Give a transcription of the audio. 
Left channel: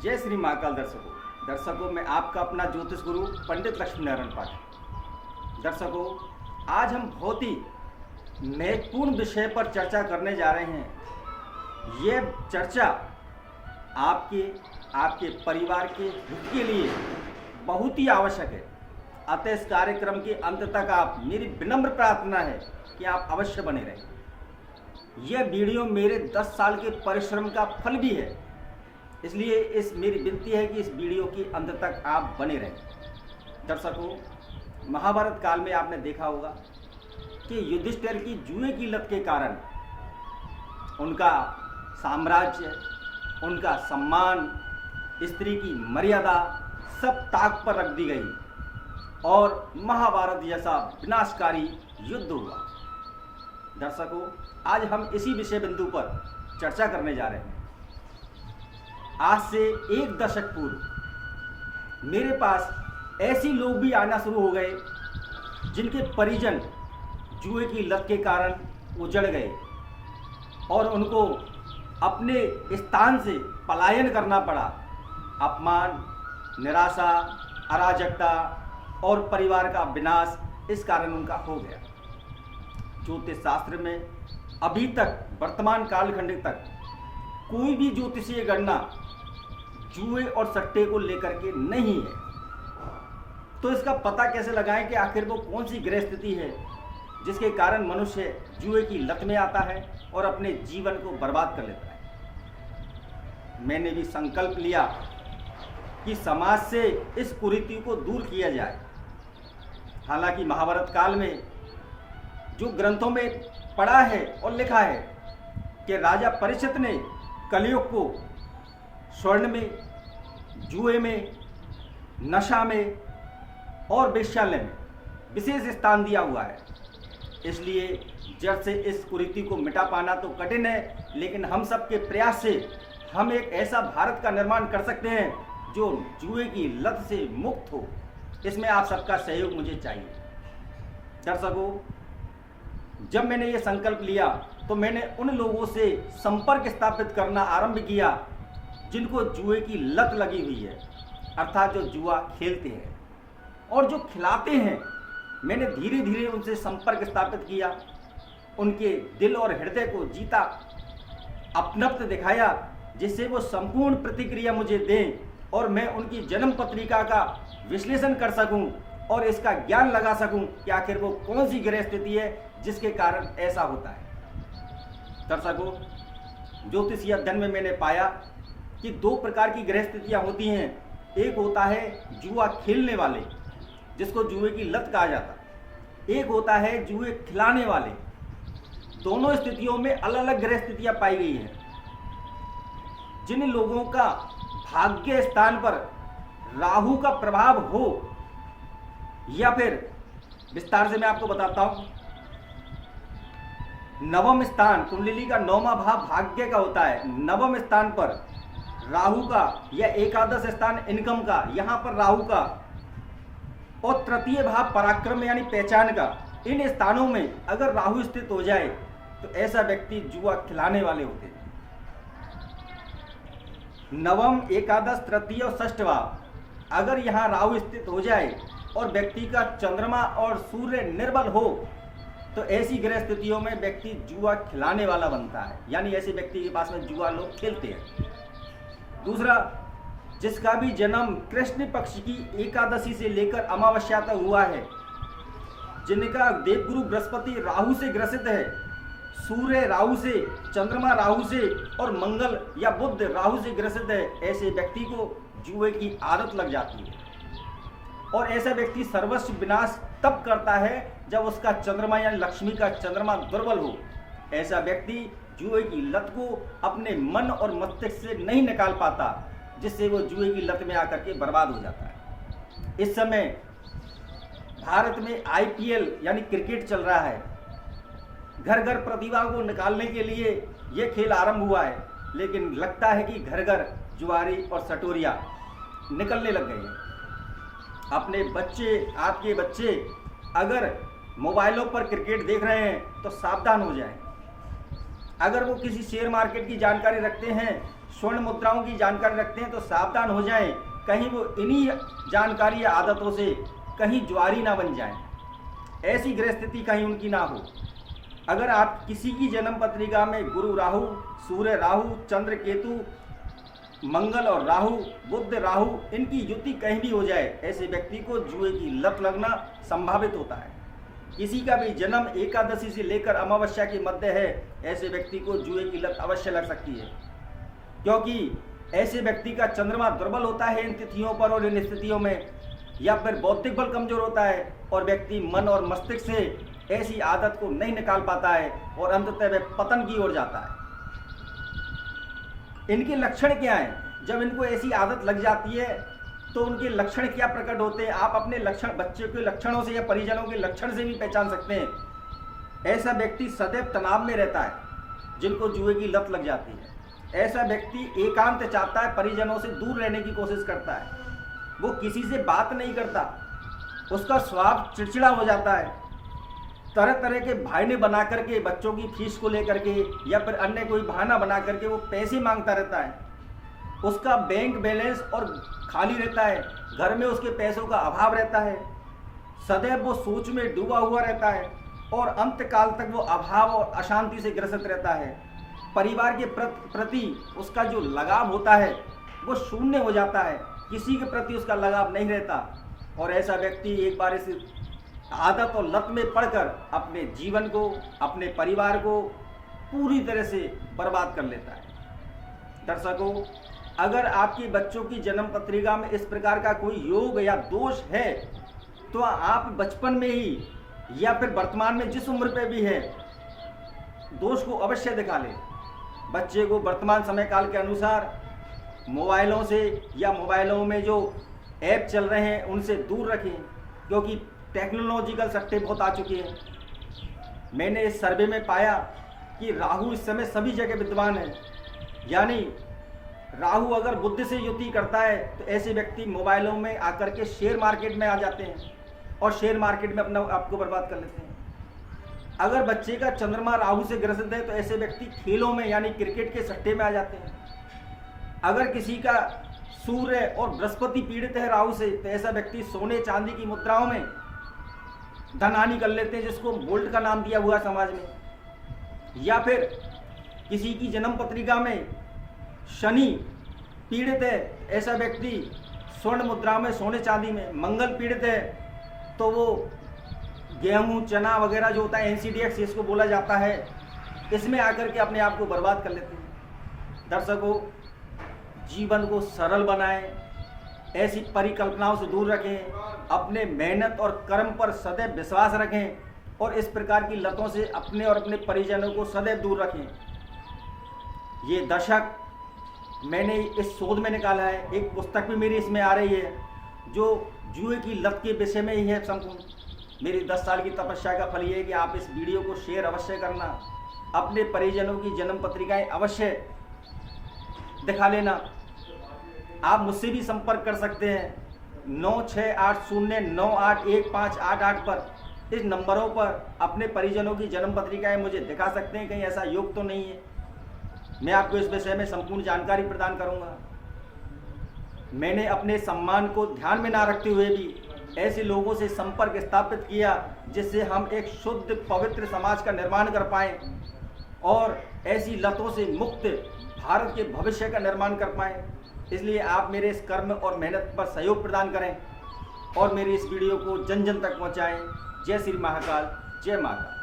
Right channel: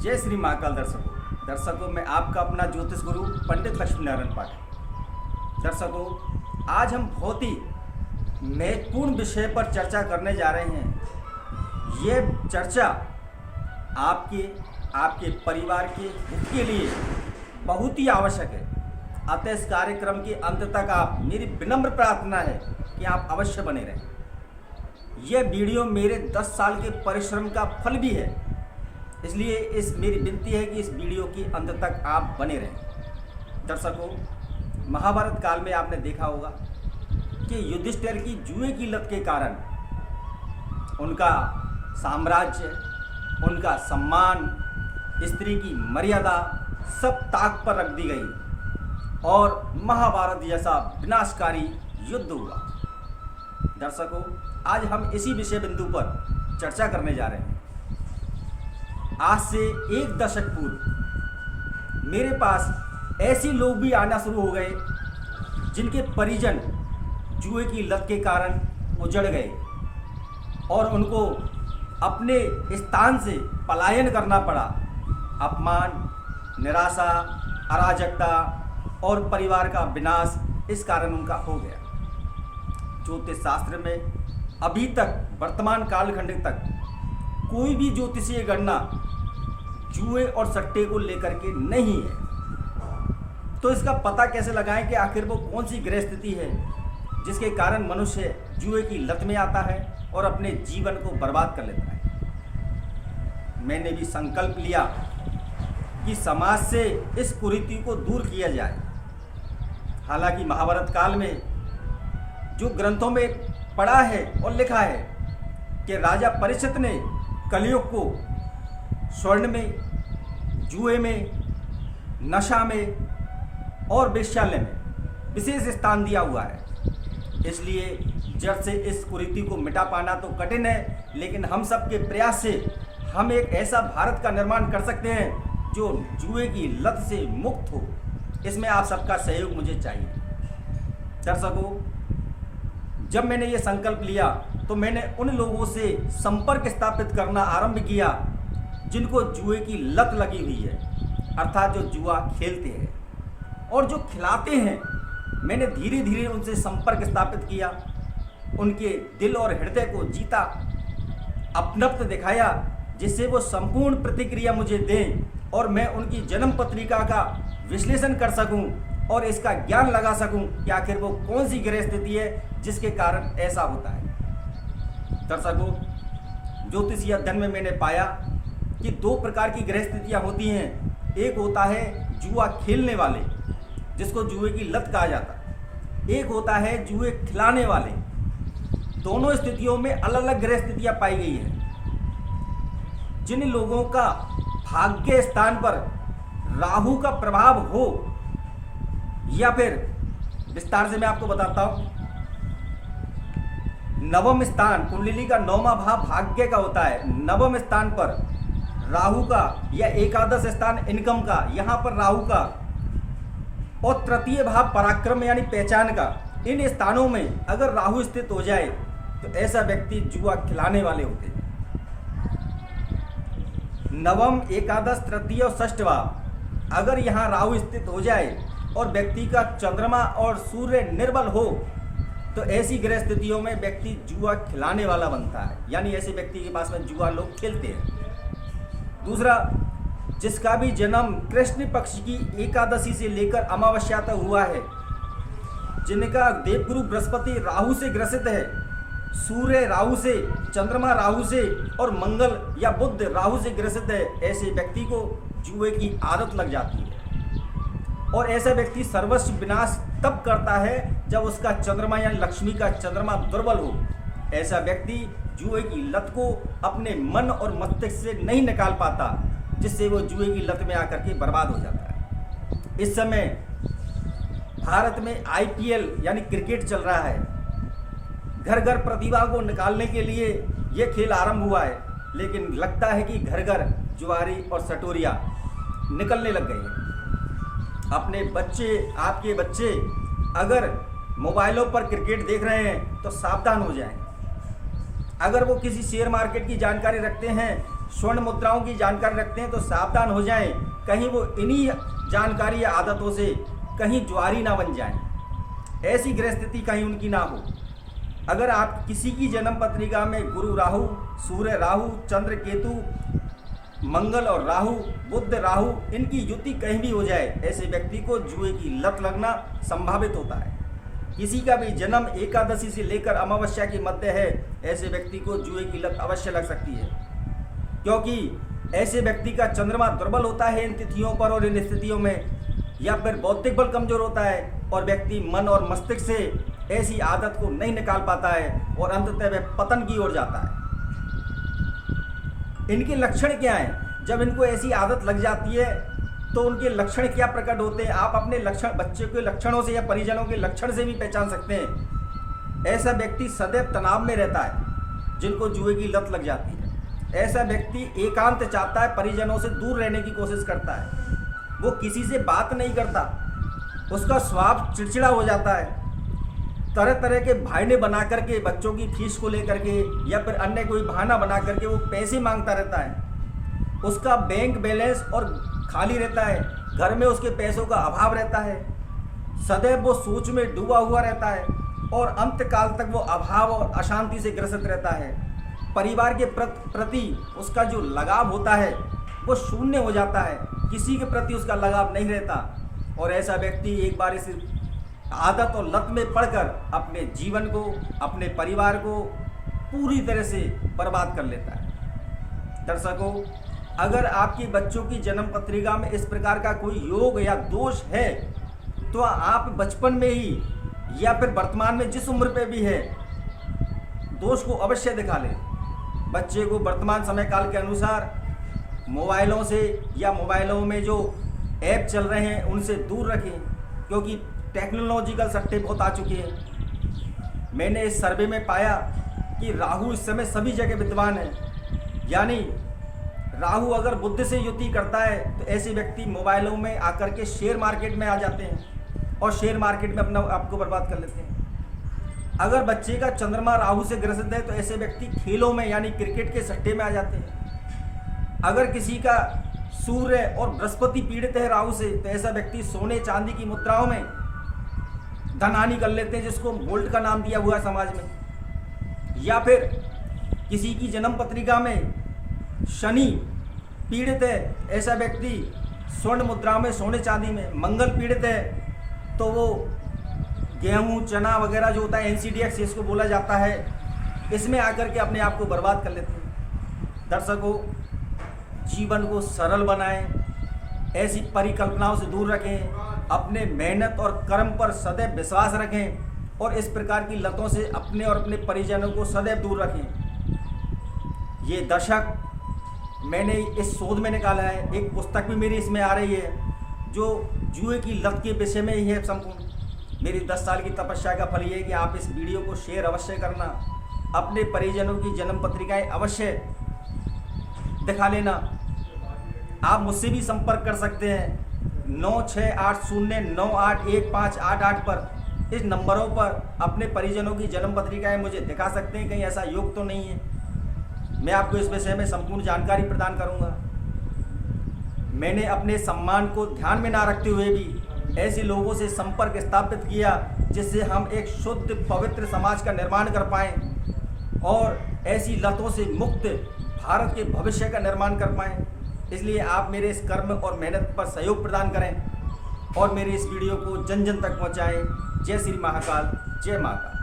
जय श्री महाकाल दर्शकों मैं आपका अपना ज्योतिष गुरु पंडित लक्ष्मीनारायण पाठक। दर्शकों, आज हम बहुत ही महत्वपूर्ण विषय पर चर्चा करने जा रहे हैं। ये चर्चा आपके परिवार के हित के लिए बहुत ही आवश्यक है। अतः इस कार्यक्रम के अंत तक आप, मेरी विनम्र प्रार्थना है कि आप अवश्य बने रहें। यह वीडियो मेरे 10 साल के परिश्रम का फल भी है, इसलिए मेरी विनती है कि इस वीडियो के अंत तक आप बने रहें। दर्शकों, महाभारत काल में आपने देखा होगा कि युधिष्ठिर की जुए की लत के कारण उनका साम्राज्य, उनका सम्मान, स्त्री की मर्यादा सब ताक पर रख दी गई और महाभारत जैसा विनाशकारी युद्ध हुआ। दर्शकों, आज हम इसी विषय बिंदु पर चर्चा करने जा रहे हैं। आज से 1 दशक पूर्व मेरे पास ऐसे लोग भी आना शुरू हो गए जिनके परिजन जुए की लत के कारण उजड़ गए और उनको अपने स्थान से पलायन करना पड़ा। अपमान, निराशा, अराजकता और परिवार का विनाश इस कारण उनका हो गया। ज्योतिष शास्त्र में अभी तक वर्तमान कालखंड तक कोई भी ज्योतिषीय गणना जुए और सट्टे को लेकर के नहीं है। तो इसका पता कैसे लगाएं कि आखिर वो कौन सी ग्रह स्थिति है जिसके कारण मनुष्य जुए की लत में आता है और अपने जीवन को बर्बाद कर लेता है। मैंने भी संकल्प लिया कि समाज से इस कुरीति को दूर किया जाए। हालांकि महाभारत काल में जो ग्रंथों में पढ़ा है और लिखा है कि राजा परीक्षित ने कलयुग को स्वर्ण में, जुए में, नशा में और वेश्यालय में विशेष स्थान दिया हुआ है। इसलिए जड़ से इस कुरीति को मिटा पाना तो कठिन है, लेकिन हम सब के प्रयास से हम एक ऐसा भारत का निर्माण कर सकते हैं जो जुए की लत से मुक्त हो। इसमें आप सबका सहयोग मुझे चाहिए। दर्शकों, जब मैंने ये संकल्प लिया तो मैंने उन लोगों से संपर्क स्थापित करना आरंभ किया जिनको जुए की लत लगी हुई है, अर्थात जो जुआ खेलते हैं और जो खिलाते हैं। मैंने धीरे धीरे उनसे संपर्क स्थापित किया, उनके दिल और हृदय को जीता, अपनत्व दिखाया, जिससे वो संपूर्ण प्रतिक्रिया मुझे दें और मैं उनकी जन्म पत्रिका का विश्लेषण कर सकूं और इसका ज्ञान लगा सकूं कि आखिर वो कौन सी ग्रह स्थिति है जिसके कारण ऐसा होता है। दर्शकों, ज्योतिषीय अध्ययन में मैंने पाया कि 2 प्रकार की ग्रह स्थितियाँ होती हैं। एक होता है जुआ खेलने वाले, जिसको जुए की लत कहा जाता है। एक होता है जुए खिलाने वाले। दोनों स्थितियों में अलग अलग ग्रह स्थितियाँ पाई गई हैं। जिन लोगों का भाग्य स्थान पर राहु का प्रभाव हो, या फिर विस्तार से मैं आपको बताता हूं, नवम स्थान, कुंडली का 9वां भाव भाग्य का होता है। नवम स्थान पर राहु का या एकादश स्थान इनकम का, यहां पर राहु का, और तृतीय भाव पराक्रम यानी पहचान का। इन स्थानों में अगर राहु स्थित हो जाए तो ऐसा व्यक्ति जुआ खिलाने वाले होते हैं। नवम, एकादश, तृतीय और षष्ठ भाव अगर यहाँ राहु स्थित हो जाए और व्यक्ति का चंद्रमा और सूर्य निर्बल हो तो ऐसी ग्रह स्थितियों में व्यक्ति जुआ खिलाने वाला बनता है, यानी ऐसे व्यक्ति के पास में जुआ लोग खेलते हैं। दूसरा, जिसका भी जन्म कृष्ण पक्ष की एकादशी से लेकर अमावस्या तक हुआ है, जिनका देवगुरु बृहस्पति राहु से ग्रसित है, सूर्य राहु से, चंद्रमा राहु से और मंगल या बुध राहु से ग्रसित है, ऐसे व्यक्ति को जुए की आदत लग जाती है। और ऐसा व्यक्ति सर्वस्व विनाश तब करता है जब उसका चंद्रमा या लक्ष्मी का चंद्रमा दुर्बल हो। ऐसा व्यक्ति जुए की लत को अपने मन और मस्तिष्क से नहीं निकाल पाता, जिससे वो जुए की लत में आकर के बर्बाद हो जाता है। इस समय भारत में IPL यानी क्रिकेट चल रहा है। घर घर प्रतिभा को निकालने के लिए ये खेल आरंभ हुआ है, लेकिन लगता है कि घर घर जुआरी और सटोरिया निकलने लग गए हैं। अपने बच्चे, आपके बच्चे अगर मोबाइलों पर क्रिकेट देख रहे हैं तो सावधान हो जाएं। अगर वो किसी शेयर मार्केट की जानकारी रखते हैं स्वर्ण मुद्राओं की जानकारी रखते हैं तो सावधान हो जाएं, कहीं वो इन्हीं जानकारी या आदतों से कहीं ज्वारी ना बन जाएं, ऐसी ग्रह स्थिति कहीं उनकी ना हो। अगर आप किसी की जन्म पत्रिका में गुरु राहु, सूर्य राहु, चंद्र केतु, मंगल और राहु, बुध राहु, इनकी युति कहीं भी हो जाए, ऐसे व्यक्ति को जुए की लत लगना संभावित होता है। किसी का भी जन्म एकादशी से लेकर अमावस्या के मध्य है, ऐसे व्यक्ति को जुए की लत अवश्य लग सकती है, क्योंकि ऐसे व्यक्ति का चंद्रमा दुर्बल होता है इन तिथियों पर और इन स्थितियों में, या फिर बौद्धिक बल कमजोर होता है और व्यक्ति मन और मस्तिष्क से ऐसी आदत को नहीं निकाल पाता है और अंततः वह पतन की ओर जाता है। इनके लक्षण क्या हैं? जब इनको ऐसी आदत लग जाती है तो उनके लक्षण क्या प्रकट होते हैं? आप अपने लक्षण बच्चे के लक्षणों से या परिजनों के लक्षण से भी पहचान सकते हैं। ऐसा व्यक्ति सदैव तनाव में रहता है, जिनको जुए की लत लग जाती है। ऐसा व्यक्ति एकांत चाहता है, परिजनों से दूर रहने की कोशिश करता है, वो किसी से बात नहीं करता, उसका स्वभाव चिड़चिड़ा हो जाता है, तरह तरह के बहाने बना करके बच्चों की फीस को लेकर के या फिर अन्य कोई बहाना बना करके वो पैसे मांगता रहता है। उसका बैंक बैलेंस और खाली रहता है, घर में उसके पैसों का अभाव रहता है, सदैव वो सोच में डूबा हुआ रहता है और अंत काल तक वो अभाव और अशांति से ग्रसित रहता है। परिवार के प्रति उसका जो लगाव होता है वो शून्य हो जाता है, किसी के प्रति उसका लगाव नहीं रहता और ऐसा व्यक्ति एक बार इस आदत और लत में पड़कर अपने जीवन को, अपने परिवार को पूरी तरह से बर्बाद कर लेता है। दर्शकों, अगर आपके बच्चों की जन्म पत्रिका में इस प्रकार का कोई योग या दोष है तो आप बचपन में ही या फिर वर्तमान में जिस उम्र पे भी है, दोष को अवश्य दिखा लें। बच्चे को वर्तमान समय काल के अनुसार मोबाइलों से या मोबाइलों में जो ऐप चल रहे हैं उनसे दूर रखें, क्योंकि टेक्नोलॉजिकल सट्टे बहुत आ चुके हैं। मैंने इस सर्वे में पाया कि राहु इस समय सभी जगह विद्वान है, यानी राहु अगर बुध से युति करता है तो ऐसे व्यक्ति मोबाइलों में आकर के शेयर मार्केट में आ जाते हैं और शेयर मार्केट में अपना आपको बर्बाद कर लेते हैं। अगर बच्चे का चंद्रमा राहु से ग्रसित है तो ऐसे व्यक्ति खेलों में यानी क्रिकेट के सट्टे में आ जाते हैं। अगर किसी का सूर्य और बृहस्पति पीड़ित है राहु से तो ऐसा व्यक्ति सोने चांदी की मुद्राओं में धन हानि कर लेते हैं, जिसको बोल्ट का नाम दिया हुआ है समाज में। या फिर किसी की जन्म पत्रिका में शनि पीड़ित है, ऐसा व्यक्ति स्वर्ण मुद्राओं में, सोने चांदी में, मंगल पीड़ित है तो वो गेहूं चना वगैरह जो होता है NCDX इसको बोला जाता है, इसमें आकर के अपने आप को बर्बाद कर लेते हैं। दर्शकों, जीवन को सरल बनाएं, ऐसी परिकल्पनाओं से दूर रखें, अपने मेहनत और कर्म पर सदैव विश्वास रखें और इस प्रकार की लतों से अपने और अपने परिजनों को सदैव दूर रखें। ये दशक मैंने इस शोध में निकाला है, एक पुस्तक भी मेरी इसमें आ रही है जो जुए की लत के विषय में ही है संपूर्ण। मेरी 10 साल की तपस्या का फल ये है कि आप इस वीडियो को शेयर अवश्य करना, अपने परिजनों की जन्म पत्रिकाएं अवश्य दिखा लेना। आप मुझसे भी संपर्क कर सकते हैं 9680981588 पर। इस नंबरों पर अपने परिजनों की जन्म पत्रिकाएं मुझे दिखा सकते हैं, कहीं ऐसा योग तो नहीं है। मैं आपको इस विषय में संपूर्ण जानकारी प्रदान करूंगा। मैंने अपने सम्मान को ध्यान में ना रखते हुए भी ऐसे लोगों से संपर्क स्थापित किया जिससे हम एक शुद्ध पवित्र समाज का निर्माण कर पाएं और ऐसी लतों से मुक्त भारत के भविष्य का निर्माण कर पाएं। इसलिए आप मेरे इस कर्म और मेहनत पर सहयोग प्रदान करें और मेरी इस वीडियो को जन जन तक पहुंचाएं। जय श्री महाकाल, जय माता।